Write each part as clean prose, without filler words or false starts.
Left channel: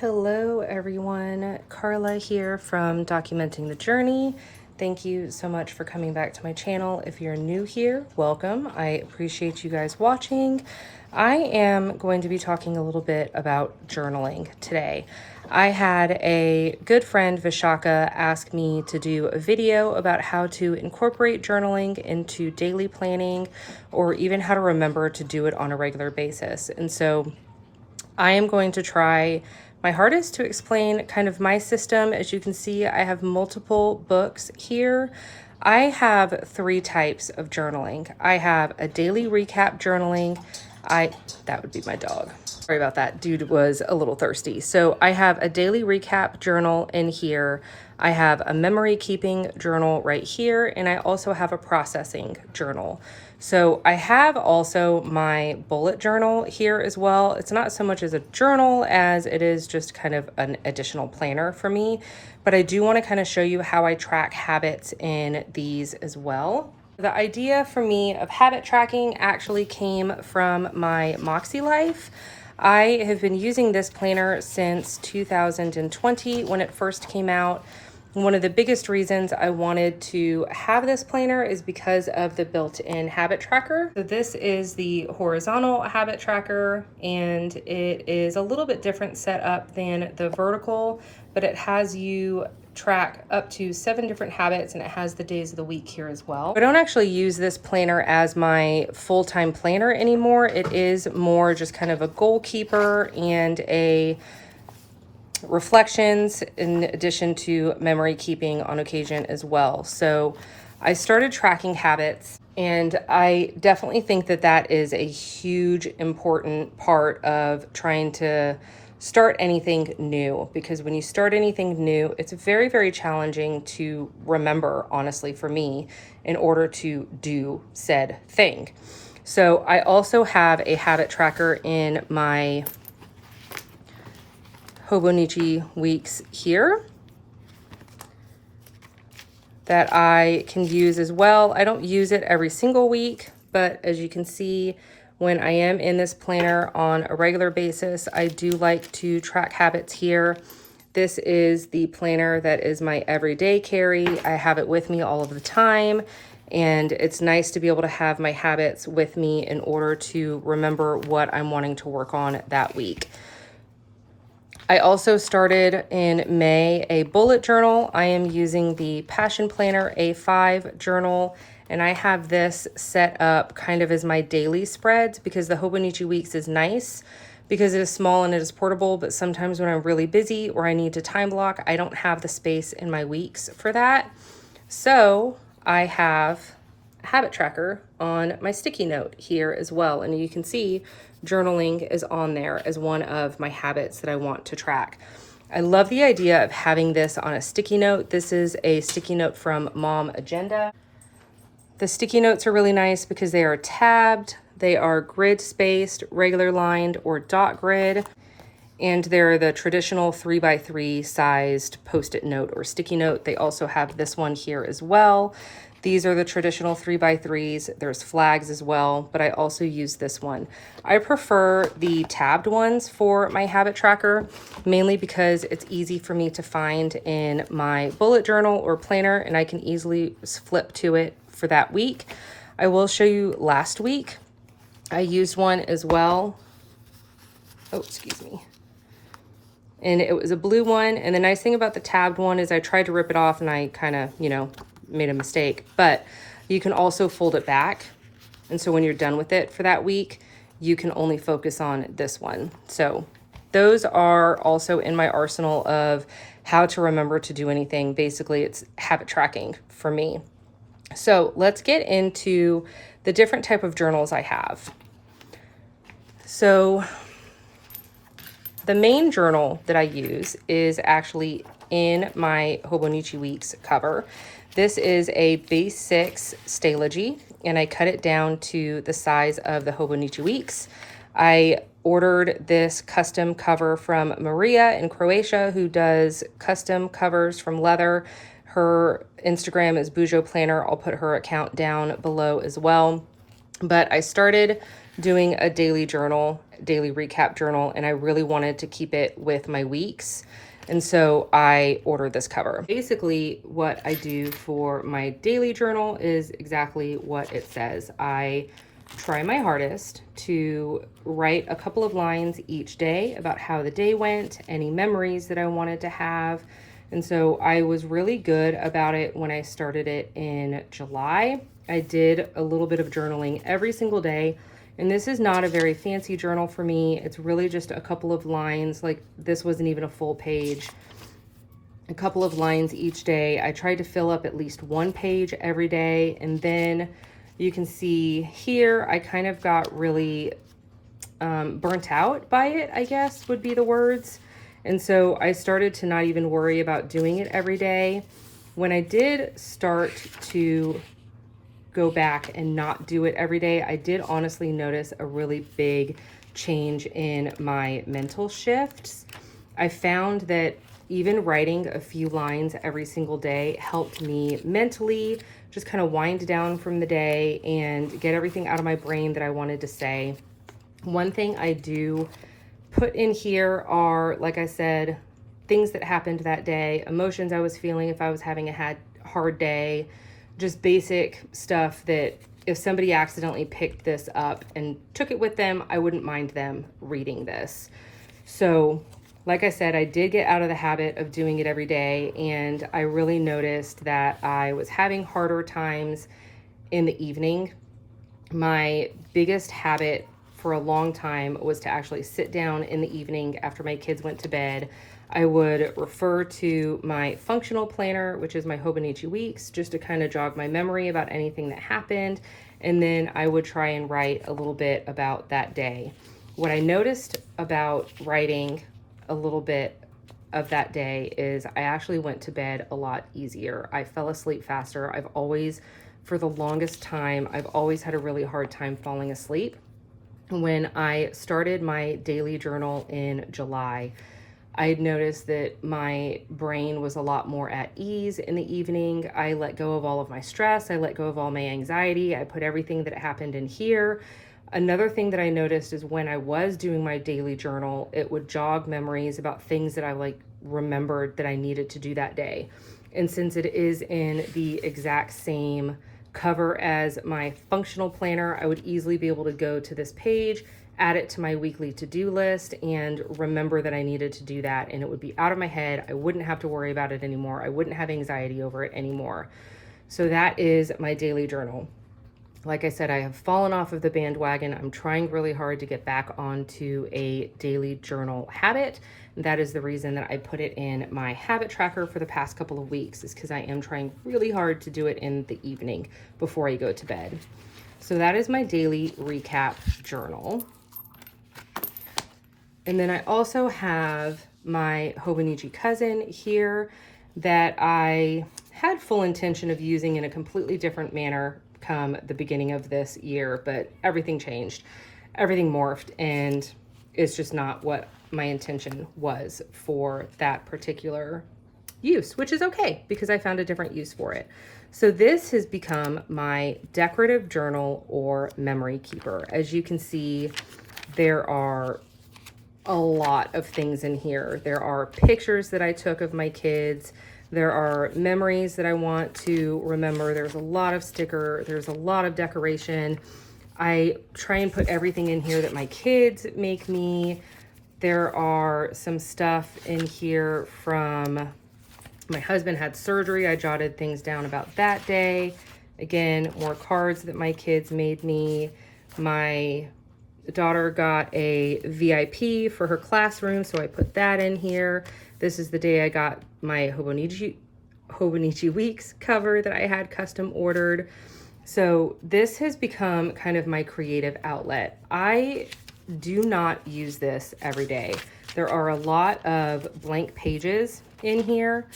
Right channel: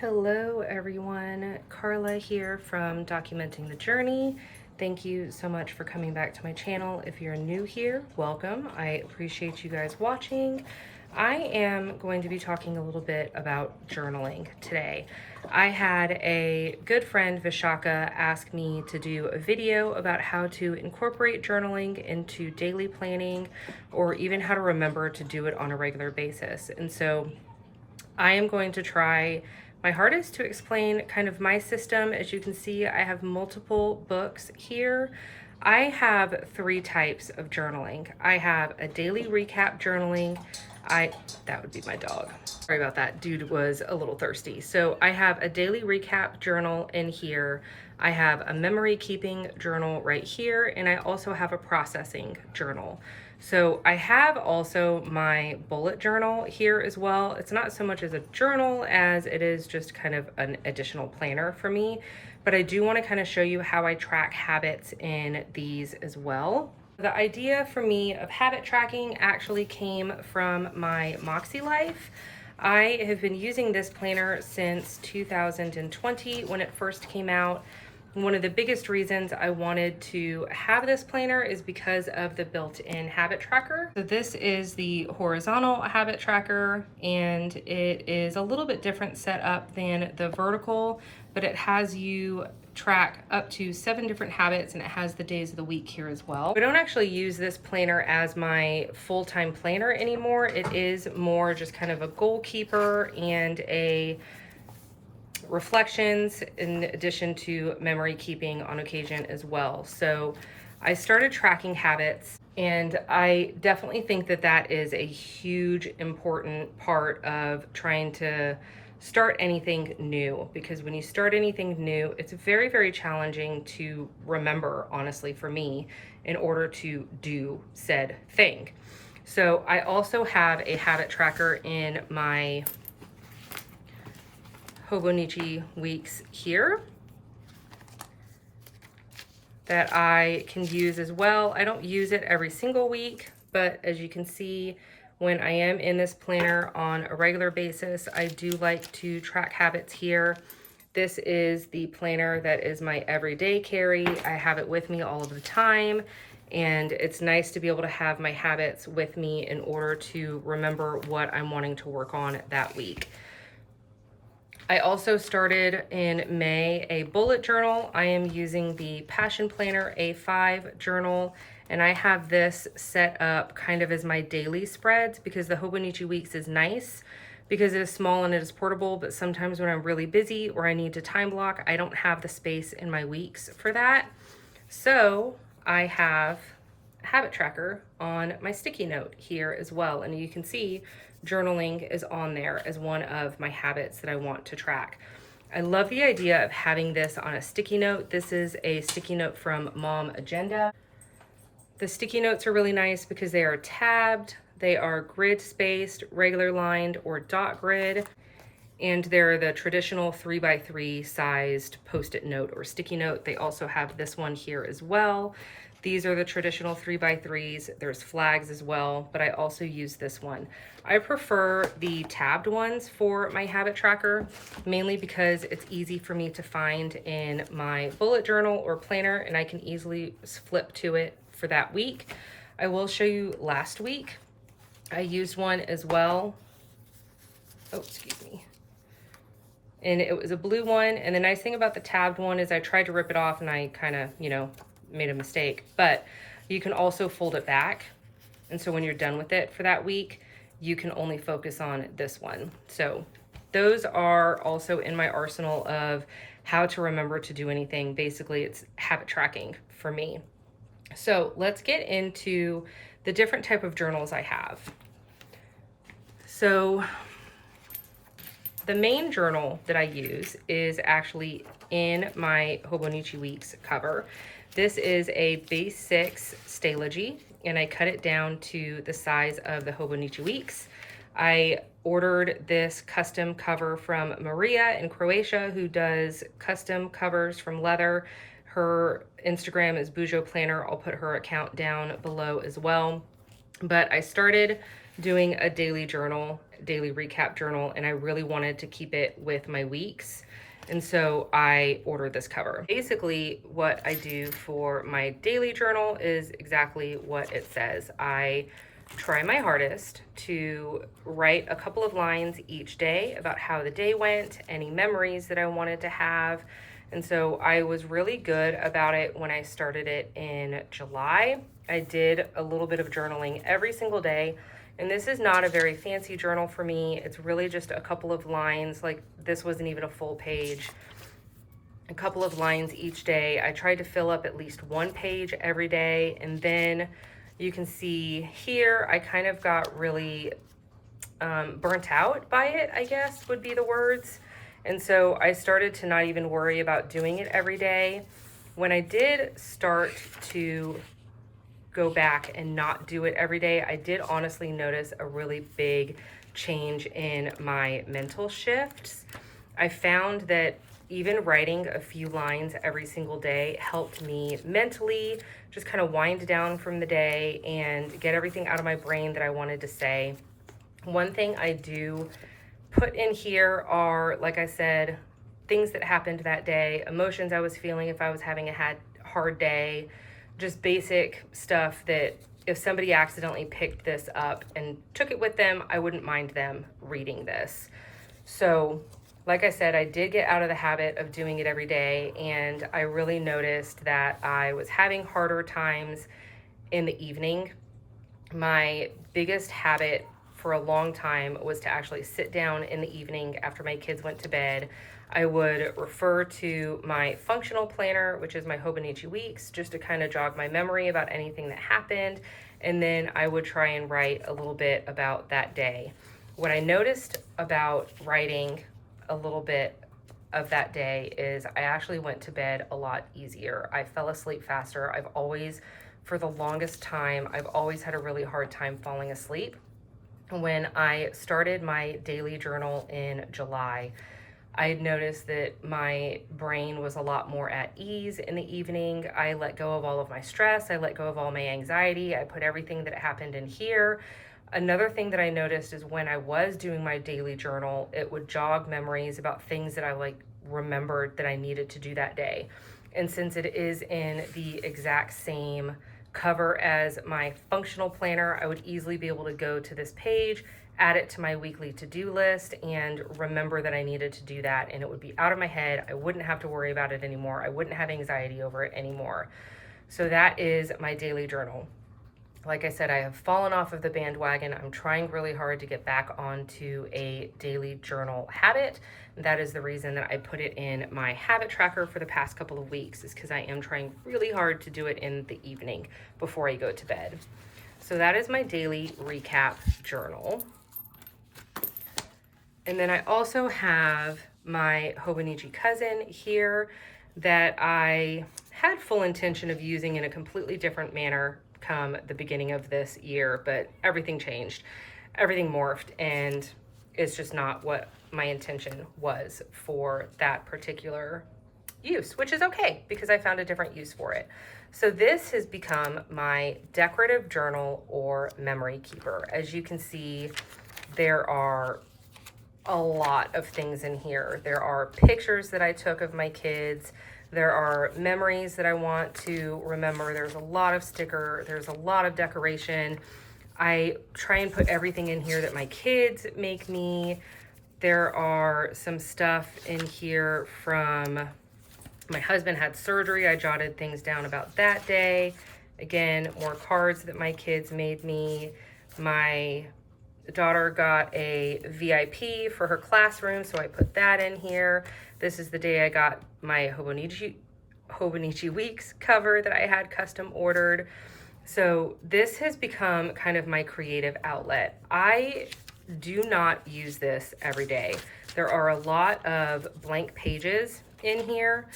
Hello everyone, Carla here from Documenting the Journey. Thank you so much for coming back to my channel. If you're new here, welcome. I appreciate you guys watching. I am going to be talking a little bit about journaling today. I had a good friend, Vishaka, ask me to do a video about how to incorporate journaling into daily planning or even how to remember to do it on a regular basis. And so I am going to try my hardest to explain kind of my system. As you can see, I have multiple books here. I have three types of journaling. I have a daily recap journaling. That would be my dog. Sorry about that. Dude was a little thirsty. So I have a daily recap journal in here. I have a memory keeping journal right here. And I also have a processing journal. So I have also my bullet journal here as well. It's not so much as a journal as it is just kind of an additional planner for me, but I do want to kind of show you how I track habits in these as well. The idea for me of habit tracking actually came from my MakseLife. I have been using this planner since 2020 when it first came out. One of the biggest reasons I wanted to have this planner is because of the built-in habit tracker. So this is the horizontal habit tracker, and it is a little bit different setup than the vertical, but it has you track up to 7 different habits, and it has the days of the week here as well. I don't actually use this planner as my full-time planner anymore. It is more just kind of a goal keeper and a reflections in addition to memory keeping on occasion as well. So I started tracking habits, and I definitely think that that is a huge important part of trying to start anything new, because when you start anything new, it's very, very challenging to remember, honestly, for me, in order to do said thing. So I also have a habit tracker in my Hobonichi Weeks here that I can use as well. I don't use it every single week, but as you can see, when I am in this planner on a regular basis, I do like to track habits here. This is the planner that is my everyday carry. I have it with me all of the time, and it's nice to be able to have my habits with me in order to remember what I'm wanting to work on that week. I also started in May a bullet journal. I am using the Passion Planner A5 journal, and I have this set up kind of as my daily spreads because the Hobonichi Weeks is nice because it is small and it is portable, but sometimes when I'm really busy or I need to time block, I don't have the space in my weeks for that. So I have a habit tracker on my sticky note here as well, and you can see journaling is on there as one of my habits that I want to track. I love the idea of having this on a sticky note. This is a sticky note from Mom Agenda. The sticky notes are really nice because they are tabbed, they are grid spaced, regular lined, or dot grid, and they're the traditional 3x3 sized post-it note or sticky note. They also have this one here as well. These are the traditional 3x3s. There's flags as well, but I also use this one. I prefer the tabbed ones for my habit tracker, mainly because it's easy for me to find in my bullet journal or planner, and I can easily flip to it for that week. I will show you last week. I used one as well. Oh, excuse me. And it was a blue one. And the nice thing about the tabbed one is I tried to rip it off and I kind of, made a mistake, but you can also fold it back. And so when you're done with it for that week, you can only focus on this one. So those are also in my arsenal of how to remember to do anything. Basically, it's habit tracking for me. So let's get into the different type of journals I have. So the main journal that I use is actually in my Hobonichi Weeks cover. This is a base 6 Stalogy, and I cut it down to the size of the Hobonichi Weeks. I ordered this custom cover from Marija in Croatia, who does custom covers from leather. Her Instagram is Bujo Planner. I'll put her account down below as well. But I started doing a daily recap journal, and I really wanted to keep it with my weeks. And so I ordered this cover. Basically, what I do for my daily journal is exactly what it says. I try my hardest to write a couple of lines each day about how the day went, any memories that I wanted to have. And so I was really good about it when I started it in July. I did a little bit of journaling every single day. And this is not a very fancy journal for me. It's really just a couple of lines. Like, this wasn't even a full page. A couple of lines each day. I tried to fill up at least one page every day. And then you can see here, I kind of got really burnt out by it, I guess would be the words. And so I started to not even worry about doing it every day. When I did start to go back and not do it every day, I did honestly notice a really big change in my mental shifts. I found that even writing a few lines every single day helped me mentally just kind of wind down from the day and get everything out of my brain that I wanted to say. One thing I do put in here are, like I said, things that happened that day, emotions I was feeling if I was having a hard day, just basic stuff that if somebody accidentally picked this up and took it with them, I wouldn't mind them reading this. So, like I said, I did get out of the habit of doing it every day, and I really noticed that I was having harder times in the evening. My biggest habit for a long time was to actually sit down in the evening after my kids went to bed. I would refer to my functional planner, which is my Hobonichi Weeks, just to kind of jog my memory about anything that happened. And then I would try and write a little bit about that day. What I noticed about writing a little bit of that day is I actually went to bed a lot easier. I fell asleep faster. For the longest time, I've always had a really hard time falling asleep. When I started my daily journal in July, I had noticed that my brain was a lot more at ease in the evening. I let go of all of my stress. I let go of all my anxiety. I put everything that happened in here. Another thing that I noticed is when I was doing my daily journal, it would jog memories about things that I remembered that I needed to do that day. And since it is in the exact same cover as my functional planner, I would easily be able to go to this page, add it to my weekly to-do list, and remember that I needed to do that, and it would be out of my head. I wouldn't have to worry about it anymore. I wouldn't have anxiety over it anymore. So that is my daily journal. Like I said, I have fallen off of the bandwagon. I'm trying really hard to get back onto a daily journal habit. That is the reason that I put it in my habit tracker for the past couple of weeks, is because I am trying really hard to do it in the evening before I go to bed. So that is my daily recap journal. And then I also have my Hobonichi cousin here that I had full intention of using in a completely different manner come the beginning of this year, but everything changed, everything morphed, and it's just not what my intention was for that particular use, which is okay because I found a different use for it. So this has become my decorative journal or memory keeper. As you can see, there are a lot of things in here. There are pictures that I took of my kids. There are memories that I want to remember. There's a lot of there's a lot of decoration. I try and put everything in here that my kids make me. There are some stuff in here from my husband had surgery. I jotted things down about that day. Again, more cards that my kids made me. My daughter got a VIP for her classroom, so I put that in here. This is the day I got my Hobonichi Weeks cover that I had custom ordered. So this has become kind of my creative outlet. I do not use this every day. There are a lot of blank pages in here,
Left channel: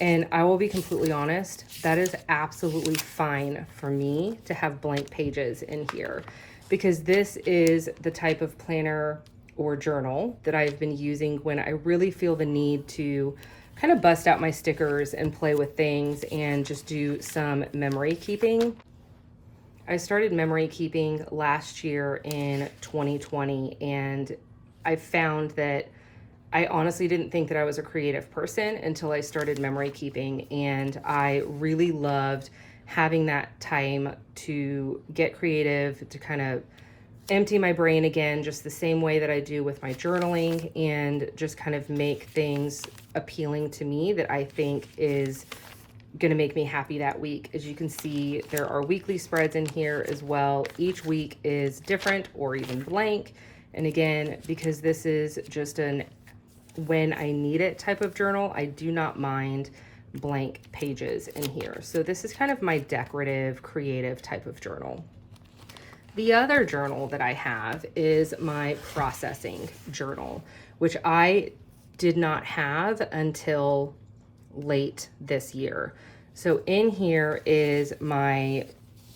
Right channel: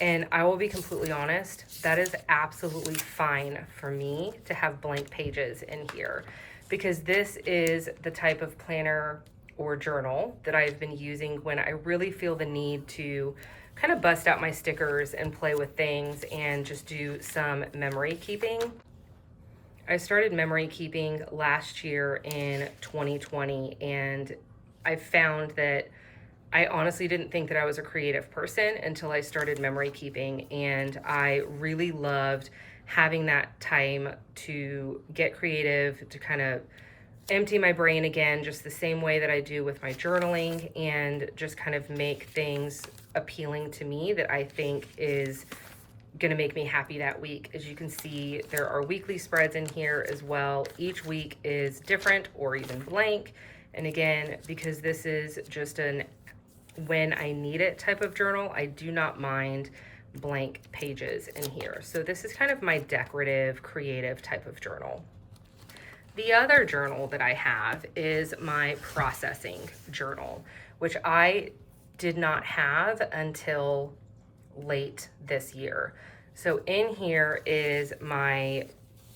and I will be completely honest, that is absolutely fine for me to have blank pages in here, because this is the type of planner or journal that I've been using when I really feel the need to kind of bust out my stickers and play with things and just do some memory keeping. I started memory keeping last year in 2020, and I found that I honestly didn't think that I was a creative person until I started memory keeping, and I really loved having that time to get creative, to kind of empty my brain again, just the same way that I do with my journaling, and just kind of make things appealing to me that I think is gonna make me happy that week. As you can see, there are weekly spreads in here as well. Each week is different or even blank. And again, because this is just an when I need it type of journal, I do not mind blank pages in here. So this is kind of my decorative, creative type of journal. The other journal that I have is my processing journal, which I did not have until late this year. So in here is my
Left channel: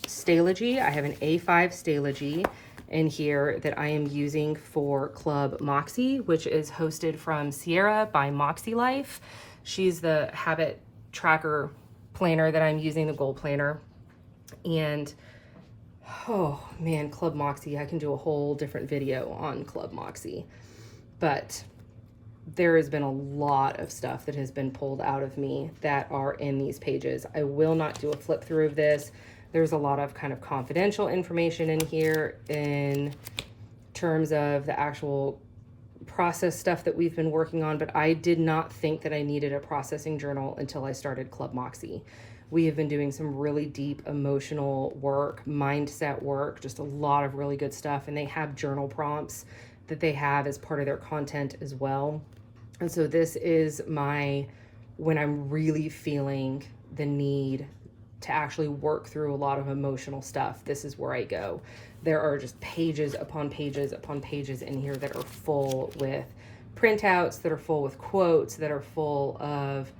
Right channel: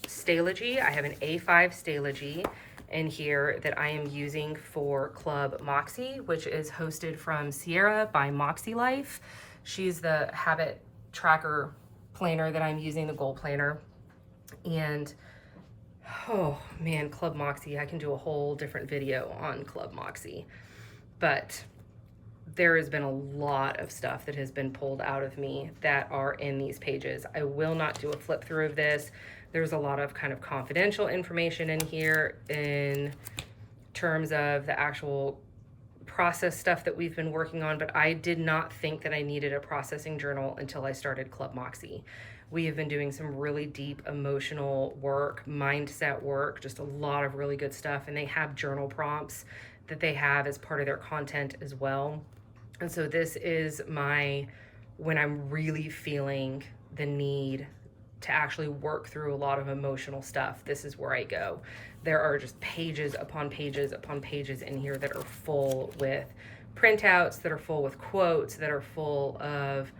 Stalogy. I have an A5 Stalogy in here that I am using for Club Moxie, which is hosted from Sierra by MakseLife. She's the habit tracker planner that I'm using, the goal planner. And oh man, Club Moxie, I can do a whole different video on Club Moxie. But there has been a lot of stuff that has been pulled out of me that are in these pages. I will not do a flip through of this. There's a lot of kind of confidential information in here in terms of the actual process stuff that we've been working on, but I did not think that I needed a processing journal until I started Club Moxie. We have been doing some really deep emotional work, mindset work, just a lot of really good stuff, and they have journal prompts that they have as part of their content as well. And so this is when I'm really feeling the need to actually work through a lot of emotional stuff, this is where I go. There are just pages upon pages upon pages in here that are full with printouts, that are full with quotes, that are full of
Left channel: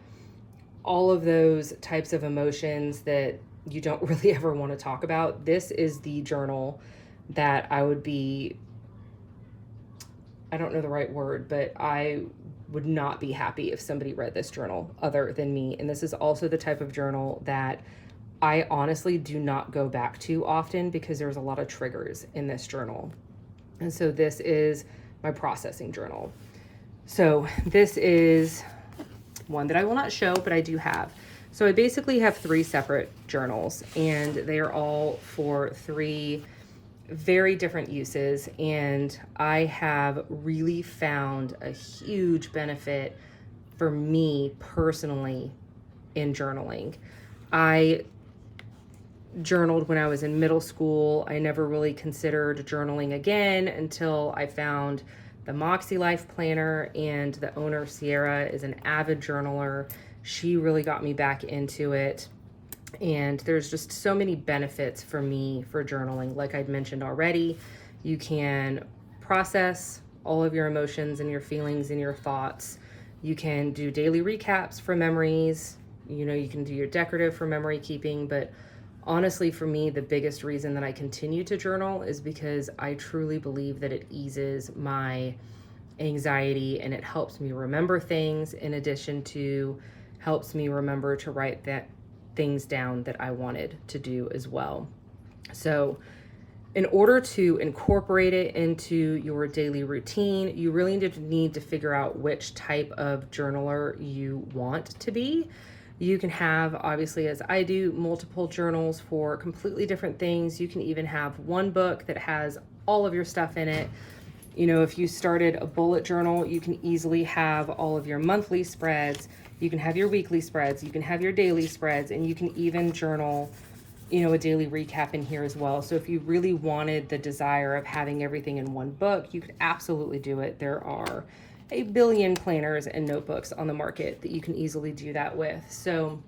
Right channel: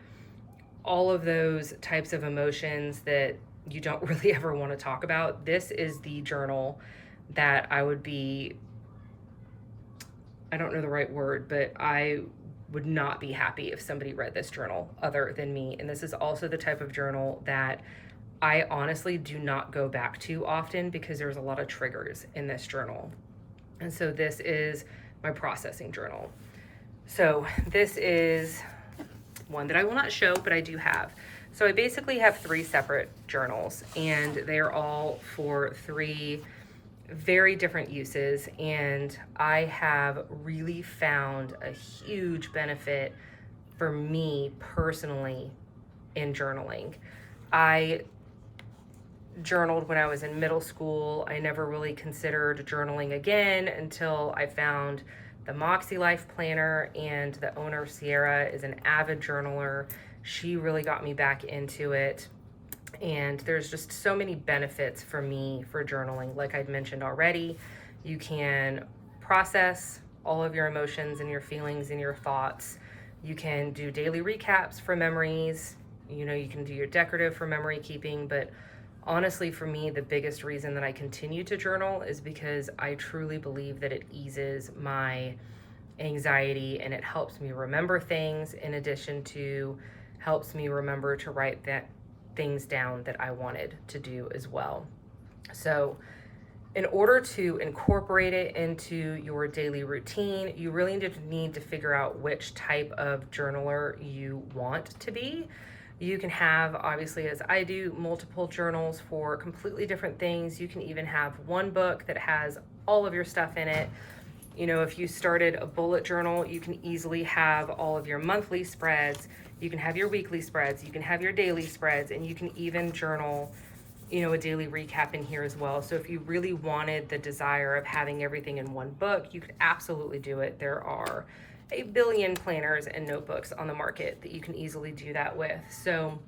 all of those types of emotions that you don't really ever want to talk about. This is the journal that I would be, I don't know the right word, but I would not be happy if somebody read this journal other than me. And this is also the type of journal that I honestly do not go back to often because there's a lot of triggers in this journal. And so this is my processing journal. So this is one that I will not show, but I do have. So I basically have 3 separate journals, and they're all for 3 very different uses. And I have really found a huge benefit for me personally in journaling. I journaled when I was in middle school. I never really considered journaling again until I found the MakseLife planner, and the owner, Sierra, is an avid journaler. She really got me back into it. And there's just so many benefits for me for journaling. Like I'd mentioned already, you can process all of your emotions and your feelings and your thoughts. You can do daily recaps for memories. You know, you can do your decorative for memory keeping, but honestly, for me, the biggest reason that I continue to journal is because I truly believe that it eases my anxiety and it helps me remember things, in addition to helps me remember to write things down that I wanted to do as well. So in order to incorporate it into your daily routine, you really need to figure out which type of journaler you want to be. You can have, obviously, as I do, multiple journals for completely different things. You can even have one book that has all of your stuff in it. You know, if you started a bullet journal, you can easily have all of your monthly spreads. You can have your weekly spreads. You can have your daily spreads, and you can even journal, you know, a daily recap in here as well. So if you really wanted the desire of having everything in one book, you could absolutely do it. There are a billion planners and notebooks on the market that you can easily do that with. So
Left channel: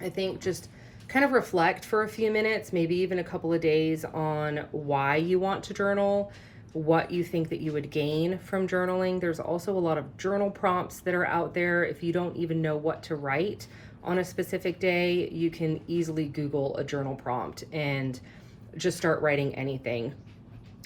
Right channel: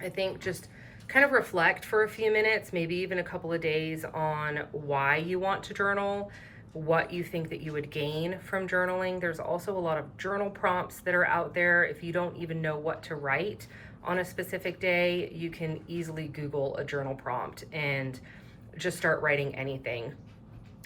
I think just kind of reflect for a few minutes, maybe even a couple of days, on why you want to journal, what you think that you would gain from journaling. There's also a lot of journal prompts that are out there. If you don't even know what to write on a specific day, you can easily Google a journal prompt and just start writing anything.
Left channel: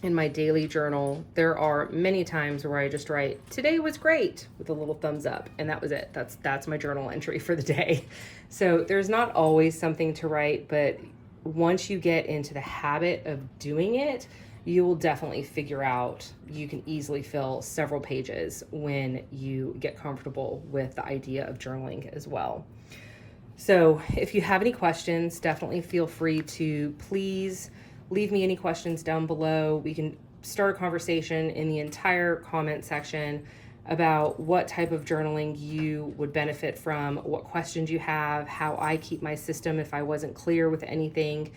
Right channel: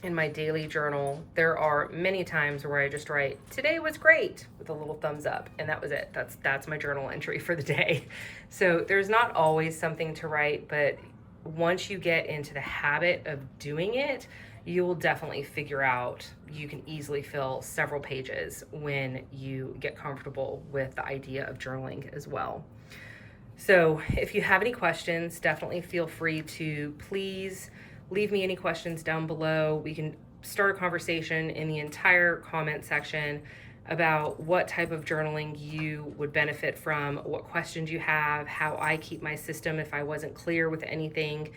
In my daily journal, there are many times where I just write, "Today was great," with a little thumbs up, and that was it. That's my journal entry for the day. So there's not always something to write, but once you get into the habit of doing it, you will definitely figure out you can easily fill several pages when you get comfortable with the idea of journaling as well. So if you have any questions, definitely feel free to please leave me any questions down below. We can start a conversation in the entire comment section about what type of journaling you would benefit from, what questions you have, how I keep my system if I wasn't clear with anything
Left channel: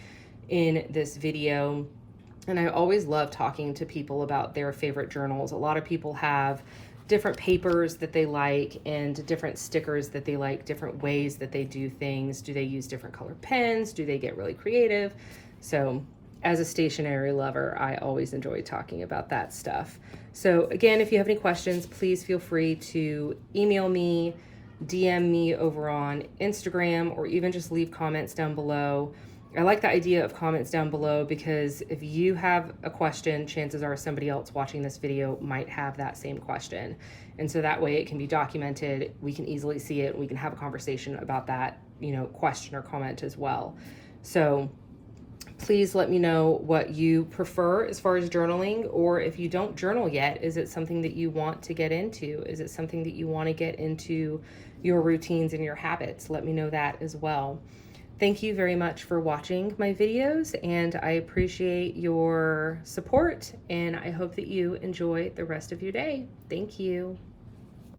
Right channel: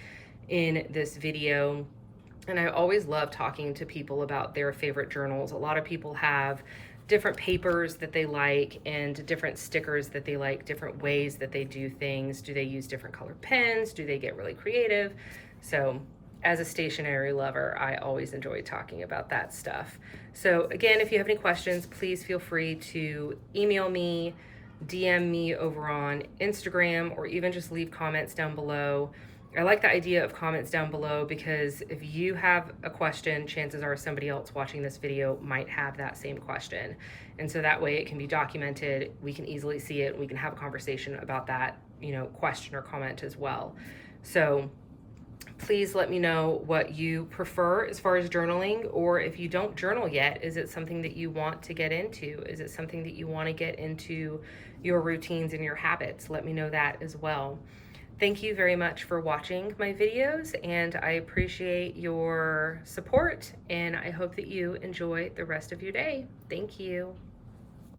in this video. And I always love talking to people about their favorite journals. A lot of people have different papers that they like and different stickers that they like, different ways that they do things. Do they use different color pens? Do they get really creative? So as a stationery lover, I always enjoy talking about that stuff. So again, if you have any questions, please feel free to email me, DM me over on Instagram, or even just leave comments down below. I like the idea of comments down below because if you have a question, chances are somebody else watching this video might have that same question. And so that way it can be documented, we can easily see it, and we can have a conversation about that, question or comment as well. So please let me know what you prefer as far as journaling, or if you don't journal yet, is it something that you want to get into? Is it something that you want to get into your routines and your habits? Let me know that as well. Thank you very much for watching my videos, and I appreciate your support, and I hope that you enjoy the rest of your day. Thank you.